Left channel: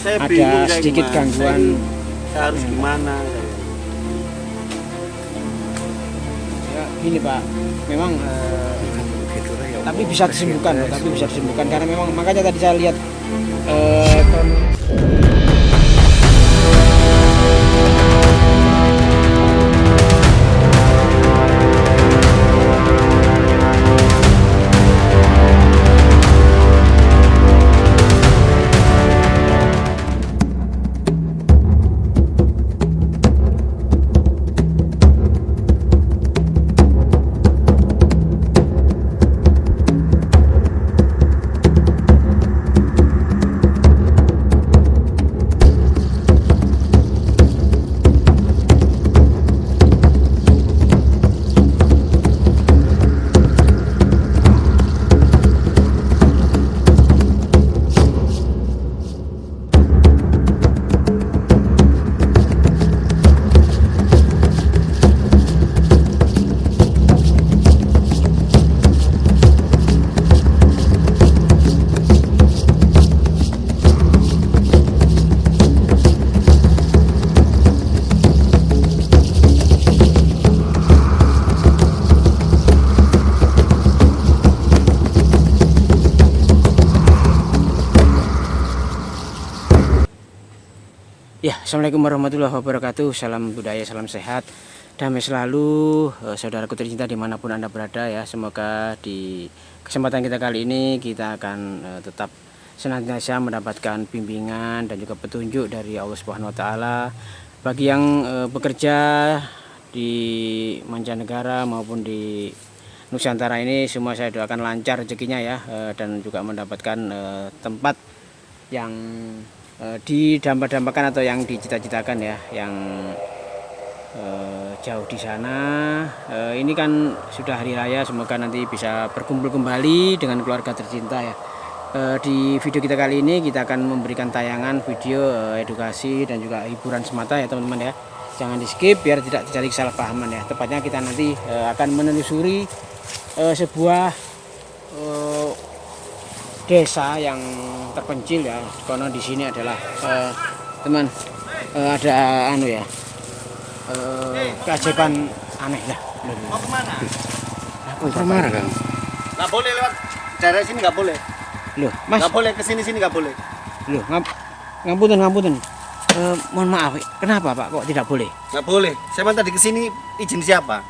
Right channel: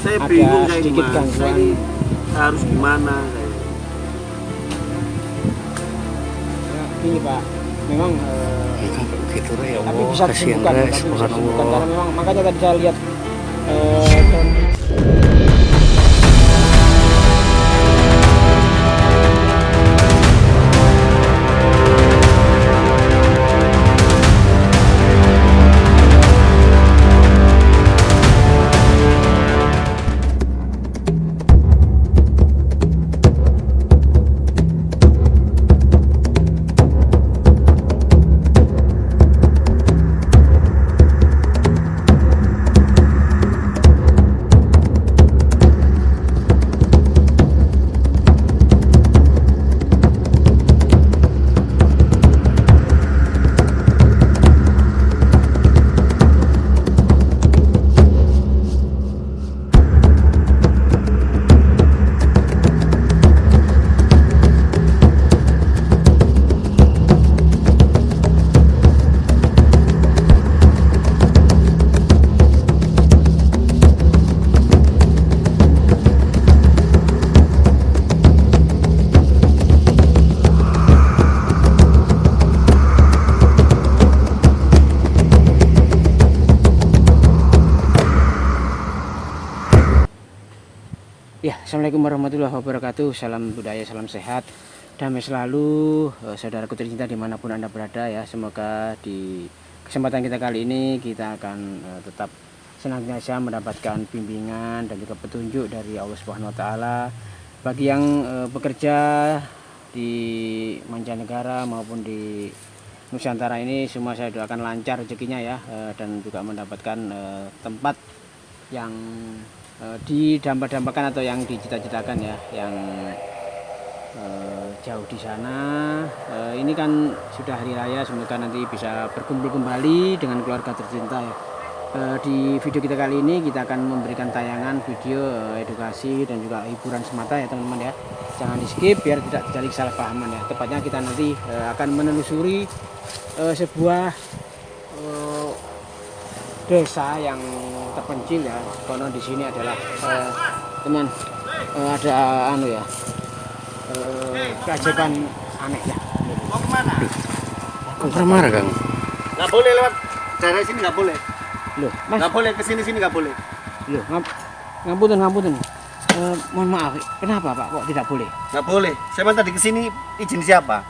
Saya ada bingung kayak sedikit gimana. gangguan. Saya harus gimana? Ya, ini Pak, memang gitu ya tapi Allah, bisa kasihan disembuhkan, Res, tapi bisa disembuhkan Allah. karena memang makanya tadi saya lihat ya, Assalamualaikum warahmatullahi wabarakatuh. Salam budaya, salam sehat, damai selalu, saudaraku tercinta dimanapun Anda berada ya. Semoga di kesempatan kita kali ini kita akan tetap senantiasa mendapatkan bimbingan dan juga petunjuk dari Allah Subhanahu Wa Taala. Bagi yang bekerja di mancanegara maupun di Nusantara ini, semua saya doakan lancar rezekinya ya, dan juga mendapatkan tempat yang didambakan atau yang dicita-citakan ya, yang jauh di sana. Ini kan sudah hari raya, semoga nanti bisa berkumpul kembali dengan keluarga tercinta ya. Di video kita kali ini kita akan memberikan tayangan video edukasi dan juga hiburan semata ya teman-teman ya. Jangan di skip biar tidak terjadi kesalahpahaman ya. Tepatnya kita nanti akan menelusuri sebuah desa yang terpencil ya, karena di sini adalah teman ada anu ya, keajaiban aneh ya. Mau kemana? Kok marah Kang? Nggak boleh lewat daerah sini, nggak boleh. Loh, Mas, Nggak boleh kesini sini nggak boleh. loh, ngapunten. Mohon maaf, kenapa Pak kok tidak boleh? Nggak boleh. Saya tadi kesini izin siapa?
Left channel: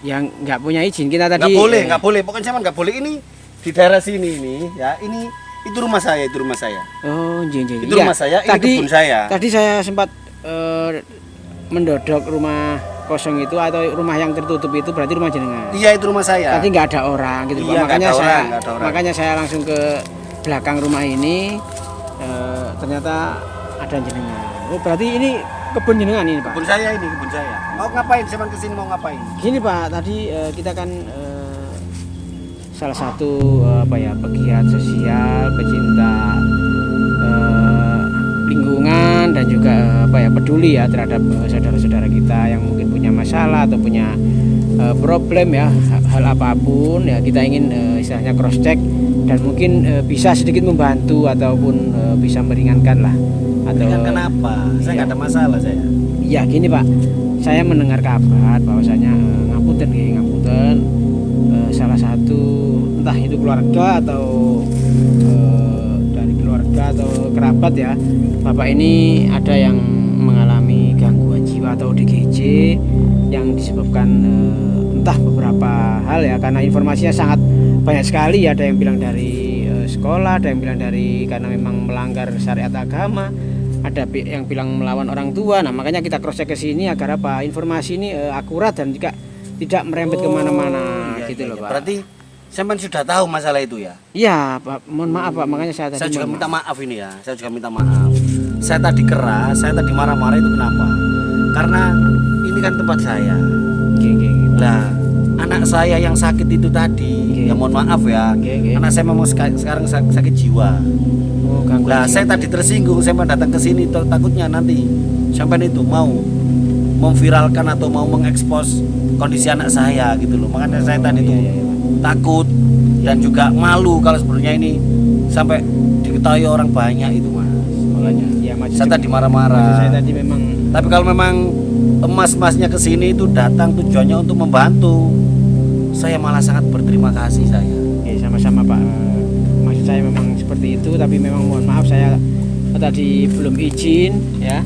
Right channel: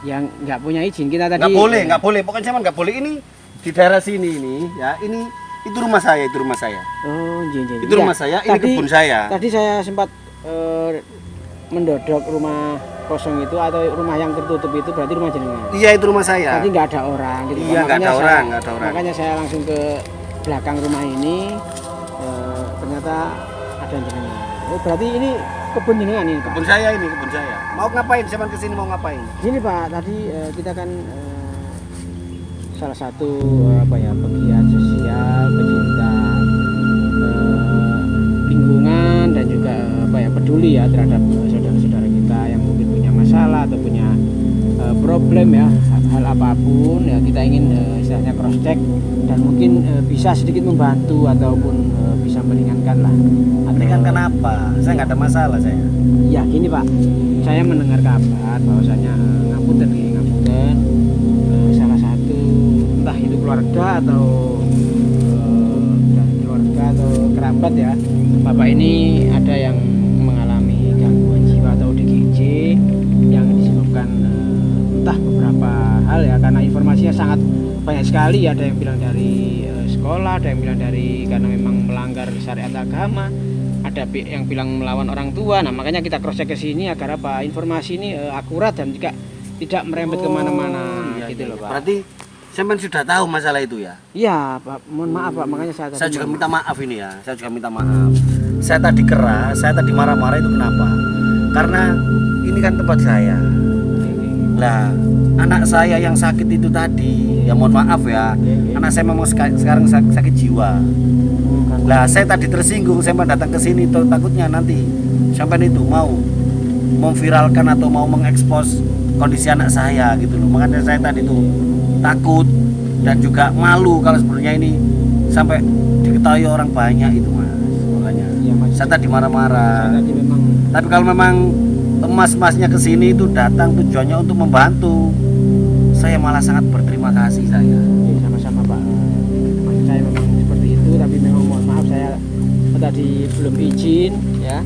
Yang nggak punya izin kita tadi. Nggak boleh, nggak boleh. Pokoknya saya nggak boleh. Ini di daerah sini ini ya. Ini itu rumah saya, itu rumah saya. Oh, jeng. Itu rumah saya, ini kebun saya. Tadi saya sempat mendodok rumah kosong itu atau rumah yang tertutup itu, berarti rumah jenengan. Iya, itu rumah saya. Nanti nggak ada orang gitu. Iya, nggak ada orang, nggak ada orang. Makanya saya langsung ke belakang rumah ini, ternyata ada jenengan. Oh, berarti ini kebun jenengan ini, Pak. Kebun saya ini, kebun saya. Mau ngapain? Saya kesini mau ngapain? Gini Pak, tadi kita kan salah satu pegiat sosial, pecinta lingkungan dan juga peduli ya terhadap saudara-saudara kita yang mungkin punya masalah atau punya problem ya, hal apapun ya, kita ingin istilahnya cross check dan mungkin bisa sedikit membantu ataupun bisa meringankan lah. Meringankan apa? Saya nggak ada masalah saya. Ya gini Pak, saya mendengar kabar bahwasanya ngapunten salah satu entah itu keluarga atau dari keluarga atau kerabat ya, Bapak ini ada yang mengalami gangguan jiwa atau ODGJ yang disebabkan entah beberapa hal ya, karena informasinya sangat banyak sekali. Ada yang bilang dari sekolah, ada yang bilang dari karena memang melanggar syariat agama, ada yang bilang melawan orang tua. Nah makanya kita cross check ke sini agar apa informasi ini akurat dan juga tidak merembet kemana-mana gitu loh Pak. Berarti sampean sudah tahu masalah itu ya? Iya Pak, mohon maaf Pak, makanya Saya juga minta maaf ini ya. Saya juga minta maaf. Saya tadi keras, saya tadi marah-marah itu kenapa? Karena ini kan tempat saya. Lah, anak saya yang sakit itu tadi, ya mohon maaf ya. Anak saya memang sekarang sakit jiwa. Lah, saya tadi tersinggung, saya datang ke sini takutnya nanti sampai itu mau memviralkan atau mau mengekspos kondisi anak saya gitu loh. Makanya saya tadi tuh takut dan juga malu kalau sebenarnya ini sampai diketahui orang banyak itu Mas. Makanya ya saya tadi marah-marah. Saya tadi memang Tapi kalau memang emas-emasnya ke sini itu datang tujuannya untuk membantu, saya malah sangat berterima kasih saya. ya, sama-sama Pak. Maksud saya memang seperti itu, tapi memang mohon maaf saya tadi belum izin ya.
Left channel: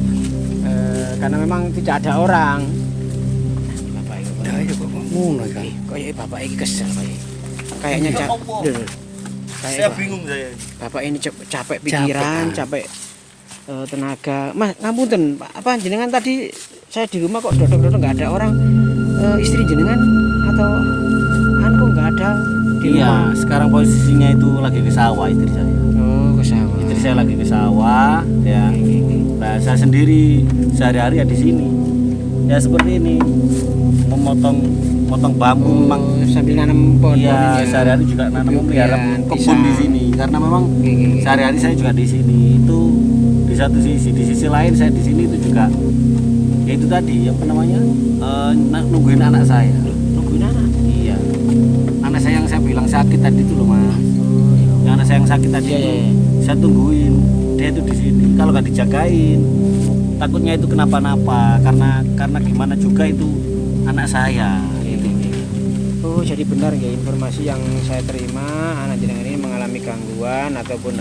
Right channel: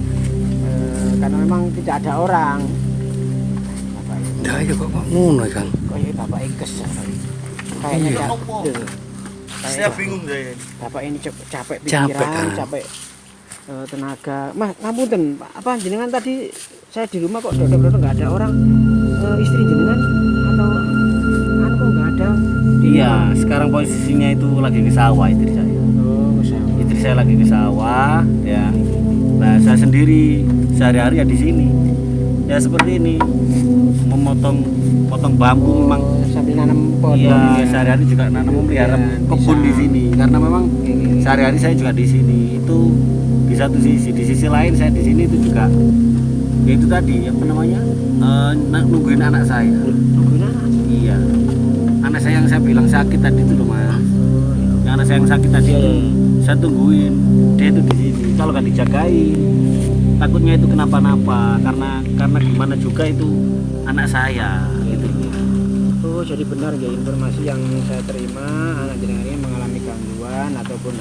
Karena memang tidak ada orang. Bapak ini, Dah aja kok ngono kan. kayak Bapak ini kesel Pak. Kayaknya Ya Allah. Saya bingung saya. Bapak ini capek pikiran, capek tenaga. Mas, ngapunten, apa jenengan tadi saya di rumah kok dodok-dodok nggak ada orang, istri jenengan atau kok nggak ada? Di Iya, rumah? sekarang posisinya itu lagi di sawah istri saya. Oh, ke sawah. Istri saya lagi di sawah, ya. Nah, saya sendiri sehari-hari ya di sini. Ya seperti ini, memotong bambu memang. Oh, sambil nanam pohon-pohon ini Iya, ya. sehari-hari juga nanam memelihara Kemudian kebun bisa- di sini. Karena memang sehari-hari saya juga di sini. Itu di satu sisi, di sisi lain saya di sini itu juga, ya itu tadi apa namanya, nungguin anak saya. Nungguin anak. Iya, anak saya yang saya bilang sakit tadi itu loh mas. Yang anak saya yang sakit tadi itu saya tungguin, dia itu di sini. Kalau nggak dijagain, takutnya itu kenapa-napa. Karena gimana juga itu anak saya. Gitu. Oh, jadi benar ya informasi yang saya terima, anak jenengan ini mengalami gangguan ataupun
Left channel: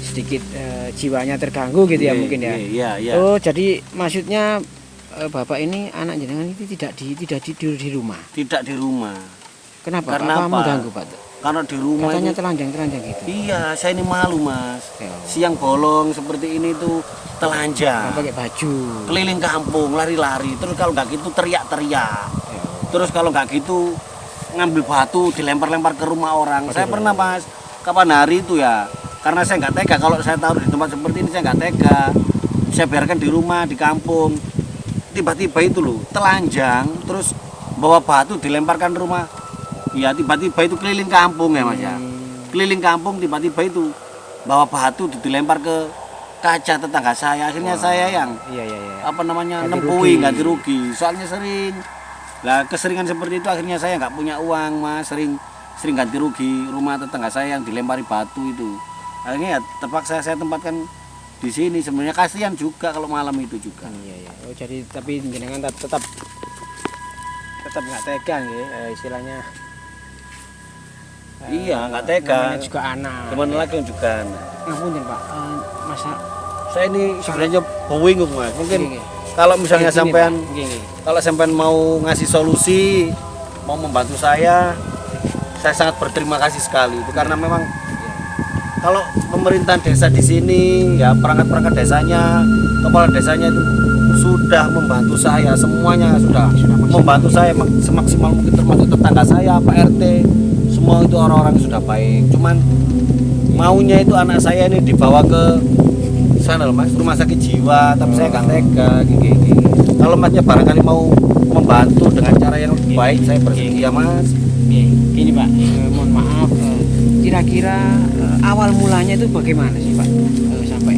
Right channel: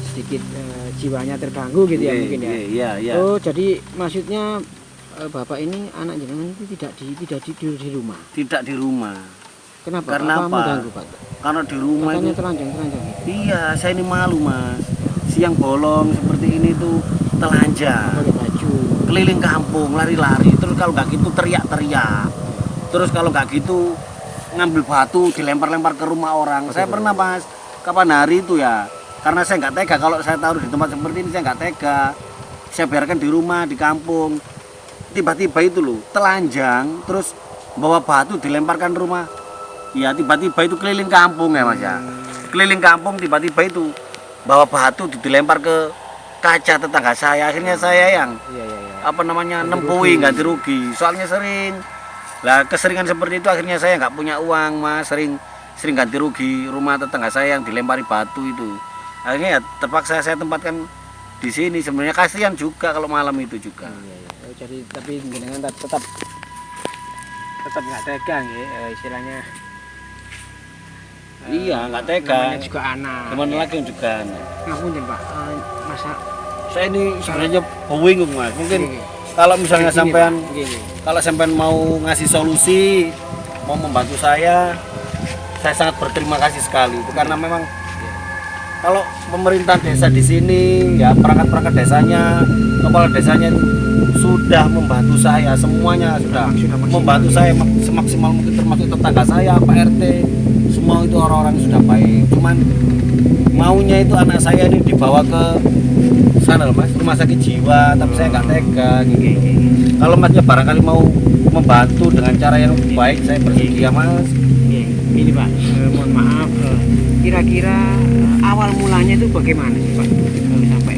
sedikit jiwanya terganggu gitu ya Iya, mungkin ya. Iya, iya. Oh, jadi maksudnya Bapak ini anak jenengan itu tidak tidur di rumah. Tidak di rumah. Kenapa? Karena apa? Mengganggu, Pak? Karena di rumah Katanya itu. telanjang gitu. Iya, saya ini malu mas. Siang bolong seperti ini tuh telanjang. Pakai baju. Keliling kampung, lari-lari. Terus kalau nggak gitu teriak-teriak. Terus kalau nggak gitu ngambil batu dilempar-lempar ke rumah orang. Saya pernah mas, kapan hari itu ya. Karena saya nggak tega kalau saya taruh di tempat seperti ini, saya nggak tega. Saya biarkan di rumah, di kampung. Tiba-tiba itu loh, telanjang, terus bawa batu dilemparkan rumah. Ya tiba-tiba itu keliling kampung ya mas ya. Keliling kampung tiba-tiba itu bawa batu dilempar ke kaca tetangga saya. Akhirnya saya yang Iya, iya, iya. apa namanya nempuhi ganti rugi. Soalnya sering lah keseringan seperti itu akhirnya saya nggak punya uang mas, sering ganti rugi rumah tetangga saya yang dilempari batu itu. Akhirnya ya terpaksa saya tempatkan di sini. Sebenarnya kasihan juga kalau malam itu juga. Iya, iya. Oh, jadi tapi jenengan tetap nggak tega ya, istilahnya. Iya nggak tega. Namanya juga anak. Gimana lagi juga. Ngapunten Pak, masa Saya ini sebenarnya bingung mas. Mungkin Gini, kalau misalnya gini, sampean Pak, gini. kalau sampean mau ngasih solusi, mau membantu saya sangat berterima kasih sekali. Itu karena memang kalau pemerintahan desa di sini, ya perangkat-perangkat desanya, kepala desanya itu sudah membantu saya, semuanya sudah membantu saya semaksimal mungkin, termasuk tetangga saya, Pak RT, semua itu orang-orang sudah baik. Cuman maunya itu anak saya ini dibawa ke sana loh mas, rumah sakit jiwa, tapi saya nggak tega. Gini. Kalau masnya barangkali mau membantu dengan cara yang lebih baik, saya bersedia mas. Ini Pak, mohon maaf, kira-kira awal mulanya itu bagaimana sih Pak? Sampai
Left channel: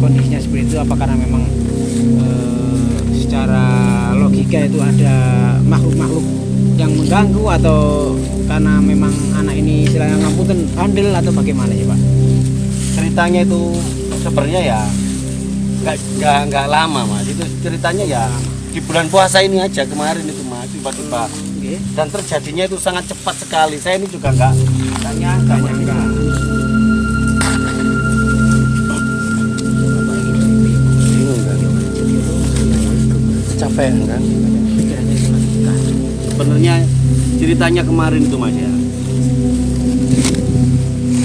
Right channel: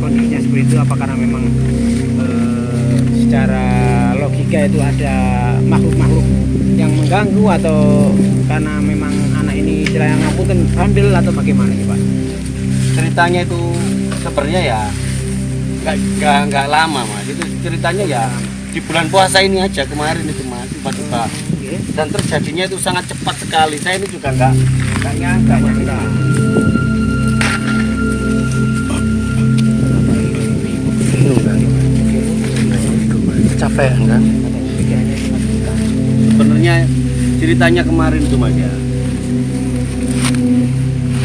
kondisinya seperti itu, apa karena memang secara logika itu ada makhluk-makhluk yang mengganggu, atau karena memang anak ini istilahnya ngapunten bandel, atau bagaimana sih Pak? Ceritanya itu sebenarnya ya nggak lama mas. Itu ceritanya ya di bulan puasa ini aja kemarin itu mas, tiba-tiba. Dan terjadinya itu sangat cepat sekali. Saya ini juga nggak nyangka mas. Bingung kan. Nah itu mas, capek kan. Sebenarnya ceritanya kemarin itu mas ya.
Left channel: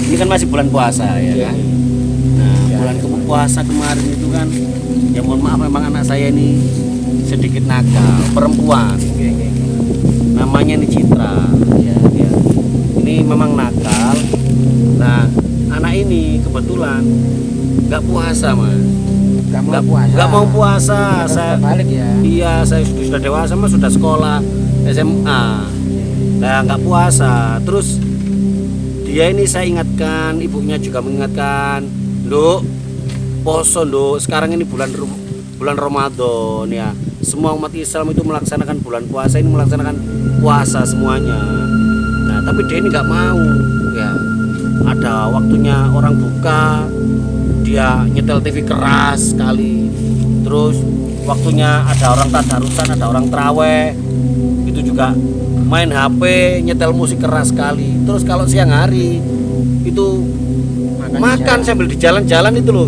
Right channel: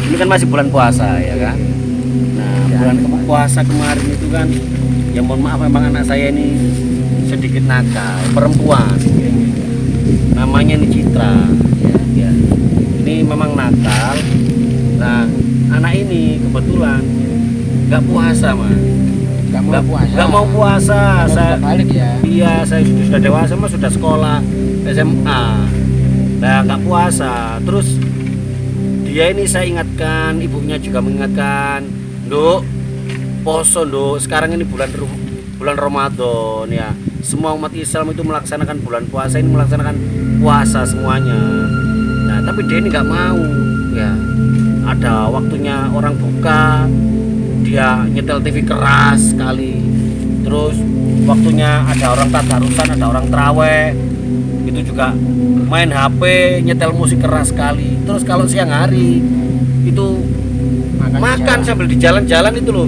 Ini kan masih bulan puasa ya kan. Nah bulan puasa kemarin itu kan, ya mohon maaf memang anak saya ini sedikit nakal, perempuan. Namanya ini Citra. Ya. Ini memang nakal. Nah anak ini kebetulan nggak puasa mas. Nggak mau puasa. Saya balik ya. Iya, saya sudah dewasa mas, sudah sekolah SMA. Nah nggak puasa. Terus dia ini saya ingatkan, ibunya juga mengingatkan, Nduk, poso Nduk, sekarang ini bulan Ramadan ya. Semua umat Islam itu melaksanakan bulan puasa ini, melaksanakan puasa semuanya. Nah tapi dia ini nggak mau ya. Ada waktunya orang buka, dia dia nyetel TV keras sekali. Terus waktunya ada orang tadarusan, ada orang traweh, itu juga main HP, nyetel musik keras sekali. Terus kalau siang hari itu makan sambil di jalan-jalan itu loh,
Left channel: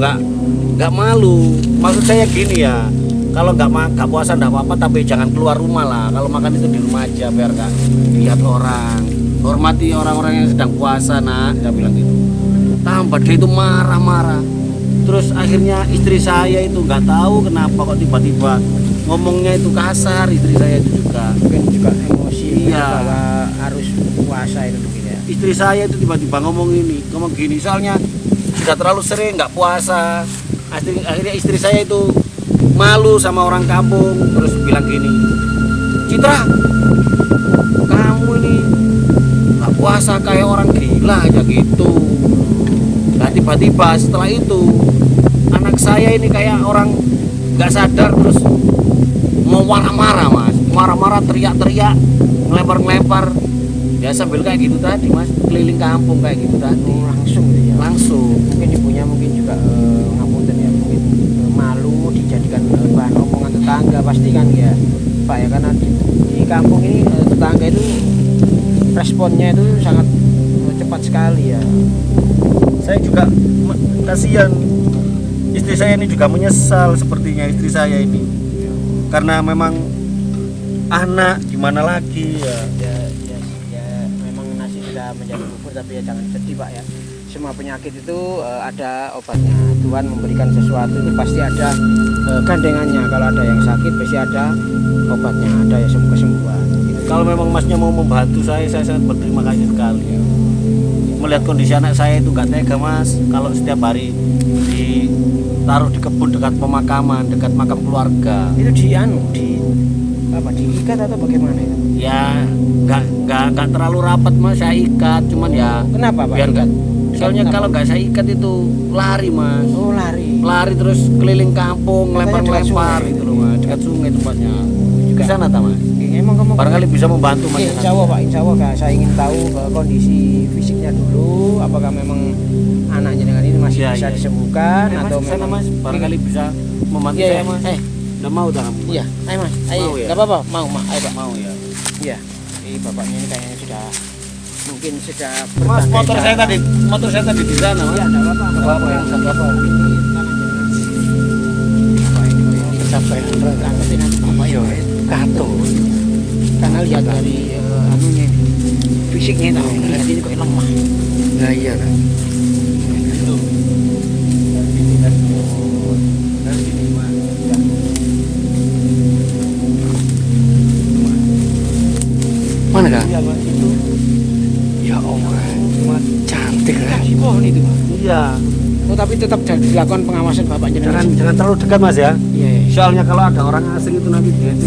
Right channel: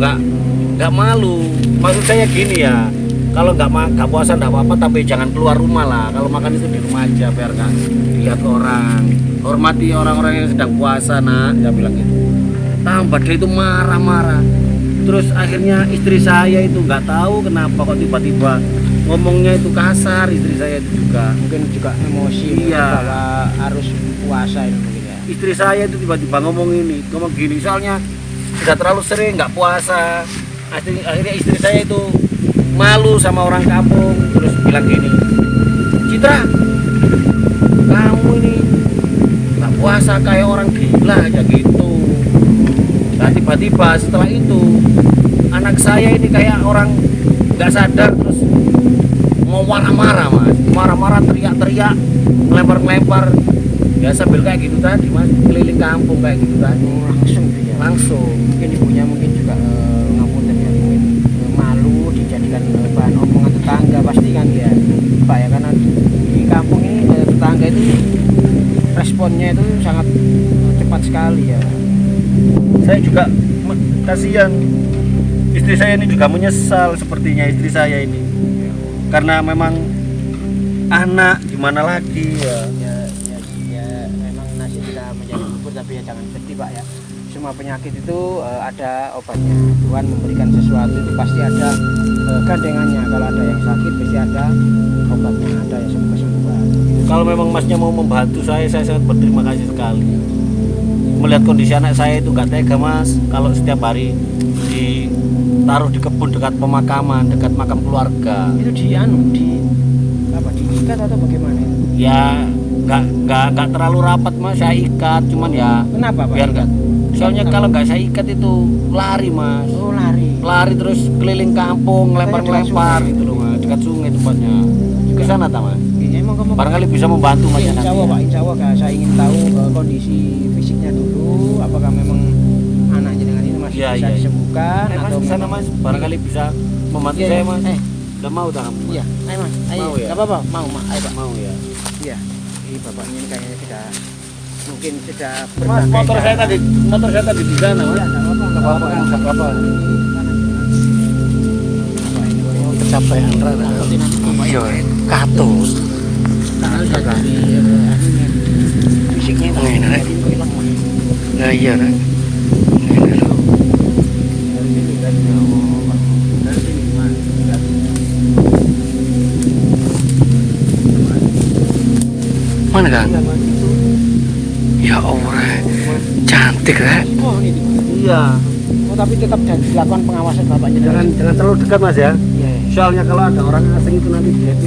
nggak malu. Maksud saya gini ya, kalau nggak puasa nggak apa-apa, tapi jangan keluar rumah lah. Kalau makan itu di rumah aja biar nggak dilihat orang. Hormati orang-orang yang sedang puasa, nak, saya bilang gitu. Tambah dia itu marah-marah. Terus akhirnya istri saya itu nggak tahu kenapa kok tiba-tiba ngomongnya itu kasar. Istri saya itu juga Mungkin juga emosi Iya. bahwa harus puasa itu mungkin ya. istri saya itu tiba-tiba ngomong gini, soalnya sudah terlalu sering nggak puasa. Akhirnya istri saya itu malu sama orang kampung, terus bilang gini, Citra, kamu ini nggak puasa kayak orang gila aja gitu. Nah tiba-tiba setelah itu anak saya ini kayak orang nggak sadar, terus mau marah-marah mas, marah-marah, teriak-teriak, ngelempar-ngelempar, ya sambil kayak gitu tadi mas, keliling kampung kayak gitu tadi. Langsung gitu ya. Langsung. Mungkin ibunya mungkin juga ngapunten ya, mungkin malu dijadikan bahan omongan tetangga pasti kan ya Pak ya, karena di kampung ini tetangga itu responnya itu sangat cepat sekali ya. Saya juga kasihan, istri saya ini juga menyesal sepertinya istri saya ini, karena memang anak gimana lagi ya. Ya memang nasi sudah menjadi bubur, tapi ya jangan sedih Pak ya. Semua penyakit itu ada obatnya. Tuhan memberikan sesuatu itu pasti ada gandengannya. Kalau ada yang sakit pasti ada obatnya, ada ya semua kesembuhan. Kalau memang masnya mau membantu saya sangat berterima kasih sekali. Melihat kondisi anak saya itu nggak tega mas, kalau setiap hari ditaruh di kebun dekat pemakaman, dekat makam keluarga. Itu di apa, diikat atau bagaimana itu? Ya nggak terlalu rapat mas, saya ikat, cuman ya Kenapa Pak? biar nggak. Soalnya kalau nggak saya ikat itu lari mas, Oh lari. lari terus keliling kampung, ngelempar-ngelempar gitu loh mas, dekat sungai tempatnya. Ke sana tak mas? Emang kamu Barangkali bisa membantu mas. Insya Allah Pak, Insya Allah Kak, saya ingin tahu kondisi fisiknya dulu, apakah memang anaknya dengan ini masih Iya, bisa iya. disembuhkan Mas atau ke sana mas, barangkali bisa membantu Iya, saya iya. mas. Nggak mau dah kamu? Iya, ayo mas, ayo, Mau ya? nggak apa-apa, mau Mak, ayo Pak. Mau ya. Iya, bapaknya ini kayaknya sudah mungkin sudah Mas, berganti. motor saya tadi di sana. Iya, nggak apa-apa. Nggak apa-apa, nggak apa-apa. Kecapean rara. Nanti Iya, katut. Karena lihat dari anunya, fisiknya itu, Ini, lihat ini kok lemah. Nah iya Ra. Mana kan? Iya mas, itu. Ya Allah, cantik Ra. Oh, itu. Iya. Oh, tapi tetap dilakukan pengawasan bapaknya. Jangan terlalu dekat mas ya. Iya, iya. Soalnya kalau ada orang asing itu nanti dia itu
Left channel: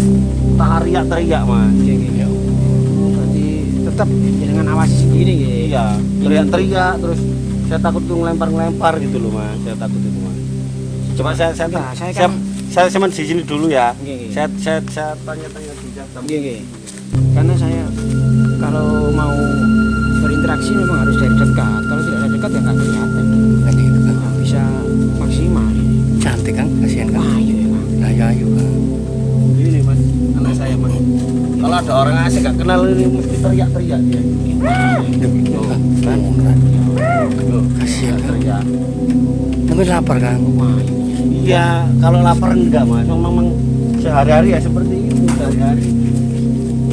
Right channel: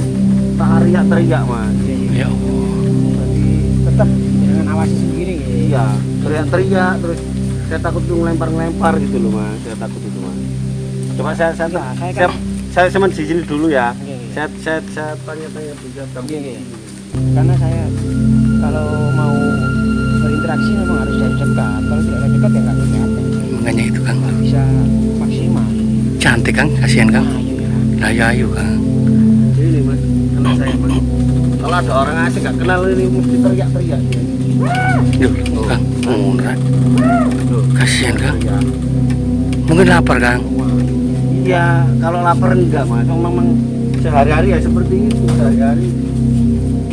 teriak-teriak mas. Iya, iya. Ya Allah. Berarti tetap jangan awasi sendiri ya. Iya, teriak-teriak terus saya takut tuh ngelempar-ngelempar gitu loh mas. Saya takut itu mas. Coba Nah, saya kan- saya cuma di sini dulu ya. Iya, iya. Saya tanya-tanya juga. Iya, iya. Karena saya kalau mau berinteraksi memang harus dari dekat. Kalau tidak dari dekat ya nggak kelihatan, Makanya itu Kang. nggak bisa maksimal. Cantik Kang, kasihan Kang. Nah, iya. Lah ya ayo Kang. Ini mas, anak saya mas. Kalau ada orang asing nggak kenal ini mesti teriak-teriak dia. Duh, Kang. Ra. Loh, Kasihan Kang. teriak. Mungkin lapar Kang. Iya, kalau lapar enggak mas. Memang sehari-hari ya seperti itu sehari-hari.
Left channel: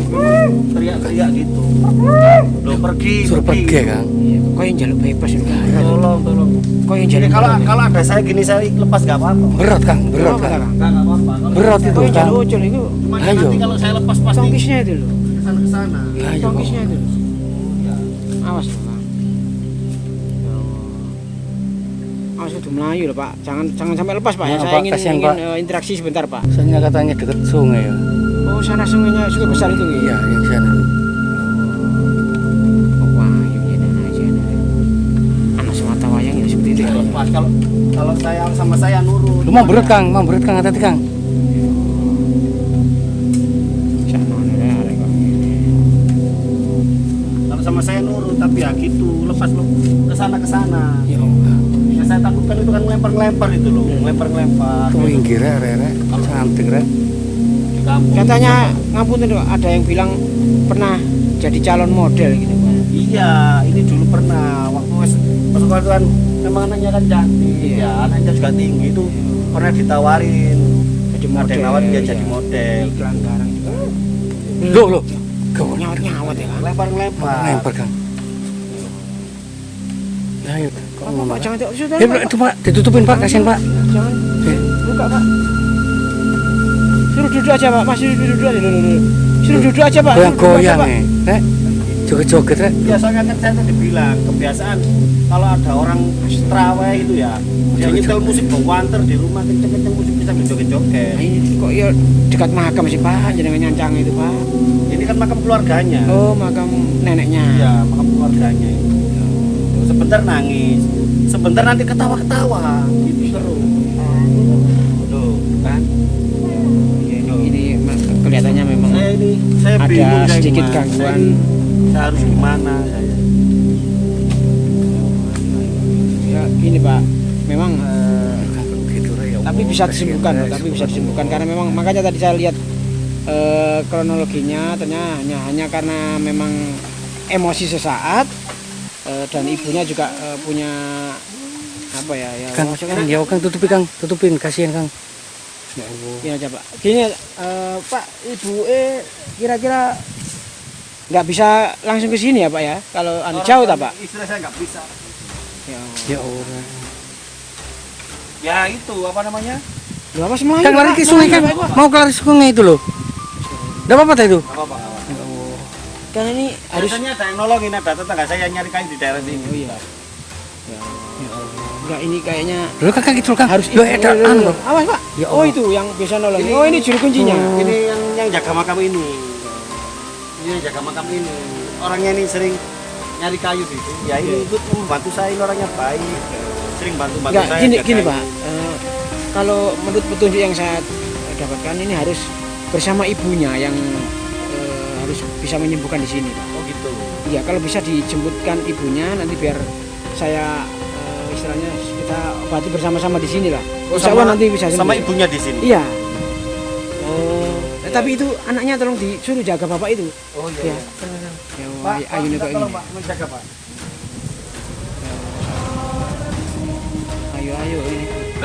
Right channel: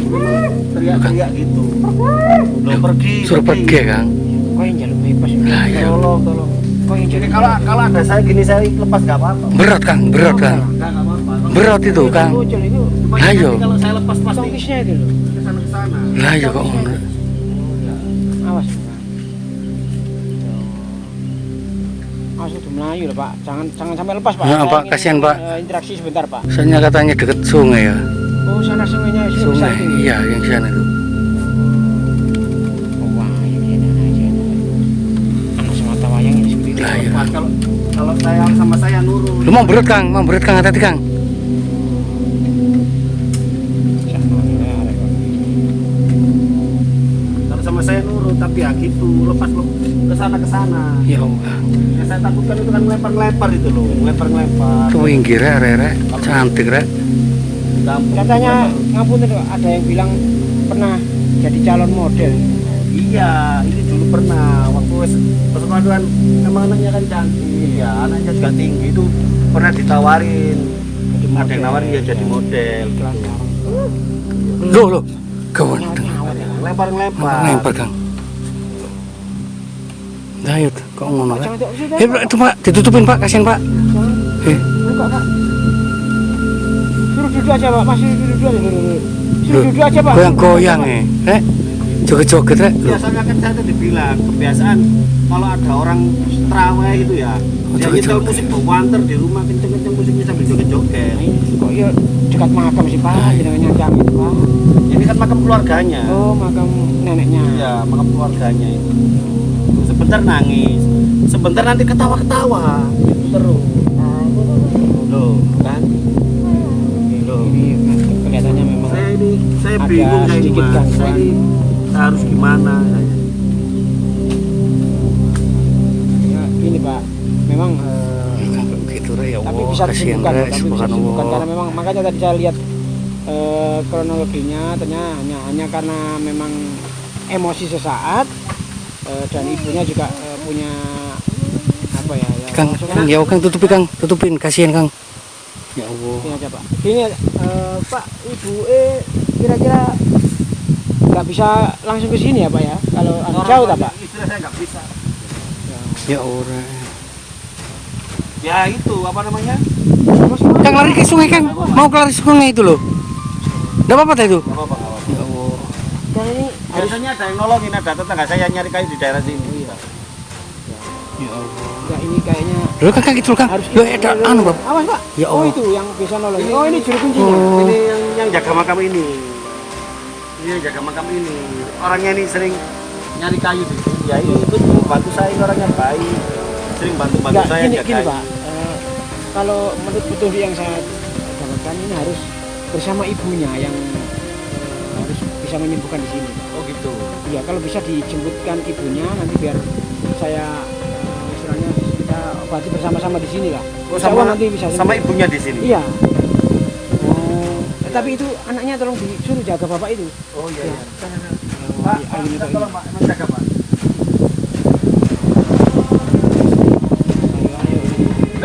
Memang teriak-teriak gitu. Loh pergi. Suruh pergi Kang. Kok yang jalan bebas ya? Lah ya. Tolong. Kok yang Jadi jalan kalau ada saya gini saya lepas nggak apa-apa. Berat Kang, berat Kang. Nggak apa-apa. Berat itu Kang. Lucu itu. Cuma Lah, nanti yo. kalau saya lepas pasti Tongkisnya itu loh. kesana. Lah ya kok ngono. Awas Pak. Awas itu Melayu loh Pak. Jangan sampai lepas Pak. Ya, Saya Pak, ingin, kasihan, Pak. interaksi sebentar Pak. Soalnya katanya deket sungai ya. Oh sana sungainya sudah besar itu ya? Iya, yang sana tuh. Wah, ini aja. Anak semata wayang ya seperti itu. Lah, iya. Mas, kalau saya sama saya nurut. Lu mau berat Kang, hati-hati Kang. Kalau sama saya nurut. tapi ya gitu lepas ke sana. Ya Allah. Yang saya takutkan itu kan ngelempar itu loh, ngelempar. Kewinggir rek, cantik rek. Di kampung. Katanya ngampun itu ada yang bilang pernah jadi calon model gitu. Iya, ini dulu pernah waktu kan memang anaknya kan cantik, ya anaknya juga tinggi itu pernah ditawarin. Jadi Ada yang nawarin dia jadi model. Iklan barang juga. Loh. Kawan. Nyawat ya. Lempar. Lempar Kang. Nah, itu kok ngono Pak, rek. jangan sudah. Pak, itu Pak, ditutupin Pak, kasihan Pak. Jangan. Eh, Buka, Pak. Suruh duduk aja, Pak. Mas suruh duduk aja dulu. Suruh duduk aja, Pak. goyang-goyang nih. Joget-joget rek. Biasanya kan saya tadi bilang kebiasaan kalau ada orang terawih itu ya dia nyetel musik bawanter di rumah kenceng-kenceng musiknya sambil joget-joget. Nah, ini kok ya dekat makam sih, Pak. Jangan nyancang itu, Pak. Ini kan makam keluarganya. Oh, makam neneknya. Iya, makam keluarganya ini. Sebentar nangis, sebentar nanti ketawa-ketawa gitu terus. Loh, kan? Ini kelihatannya memang Saya ada bingung saya sedikit Mas. gangguan. Saya harus gimana saya. ya, ini, Pak. Memang Gitu rek ya Allah. tapi bisa kasihan, disembuhkan, Rek, Pak. Tapi bisa subhanallah. disembuhkan karena memang makanya tadi saya lihat kronologinya ternyata hanya karena memang emosi sesaat dan ibunya juga punya apa ya Kang, maksudnya ya Kang tutupin, kasihan Kang. Ya Allah. gini aja, Pak. Gini Pak, ibu kira-kira nggak bisa langsung ke sini ya, Pak ya? Kalau jauh tak, Pak? Istilah saya nggak bisa. Ya, Ya Allah. Ya itu apa namanya? Mas, mau Kang lari ke sungai Kang. Mau ke lari ke sungai itu loh. Enggak apa-apa dah itu. Nggak apa-apa, nggak apa-apa. Ya Allah. Karena ini harus Biasanya ada yang nolongin, ada tetangga saya nyari kayu di daerah sini. Ya Allah. nggak ini kayaknya Loh Kang gitu loh Kang. harus Loh ada anu Bang. Awas, Pak. Ya Oh, Allah. itu yang bisa nolong. Oh, ini juru kuncinya. Oh. Ini yang jaga makam ini. Ini yang jaga makam ini. Orangnya ini sering nyari kayu di sini. Ya ini itu bantu saya, ini orangnya baik. Sering bantu Nggak, saya. gini, jaga gini kayu. Pak. Kalau menurut petunjuk yang saya dapatkan ini harus bersama ibunya yang harus bisa menyembuhkan di sini, Pak. Oh gitu. Iya, kalau bisa dijemputkan ibunya nanti biar saya istilahnya kita obati bersama-sama di sini lah. Oh, Insya Allah nanti bisa sama sembuh. ibunya di sini. Iya. Oh. Tapi itu anaknya tolong disuruh jaga bapak itu. Oh iya. Iya. Iya. Ya, Pak, ayo Pak, ini minta kok tolong ini. Pak, menjaga Pak.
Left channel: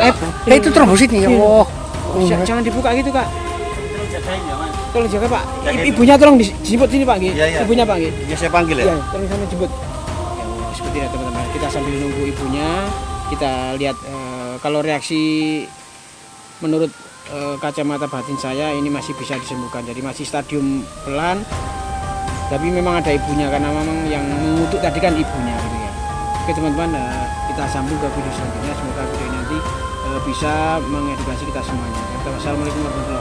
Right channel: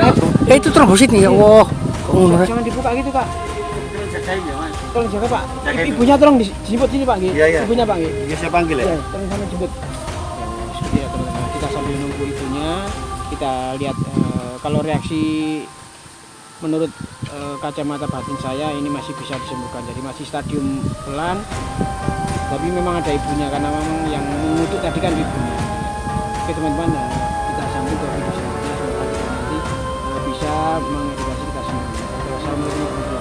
Ayo ini. itu trombositnya ya Allah. Oh, Jangan dibuka gitu, Kak. Terus jagain ya Mas. Tolong jaga, Pak. Jagain. Ibunya tolong dijemput sini, Pak. Nggih. Iya, iya. Ibunya, Pak. Nggih. Ini saya panggil ya. Iya, tolong sama jemput. Ya, seperti itu, teman-teman. Kita sambil nunggu ibunya, kita lihat kalau reaksi menurut kacamata batin saya ini masih bisa disembuhkan. Jadi masih stadium pelan. Tapi memang ada ibunya karena memang yang mengutuk tadi kan ibunya. Gitu ya. Oke, teman-teman, kita sambung ke video selanjutnya. Semoga video nanti bisa mengedukasi kita semuanya. Wassalamualaikum warahmatullahi wabarakatuh.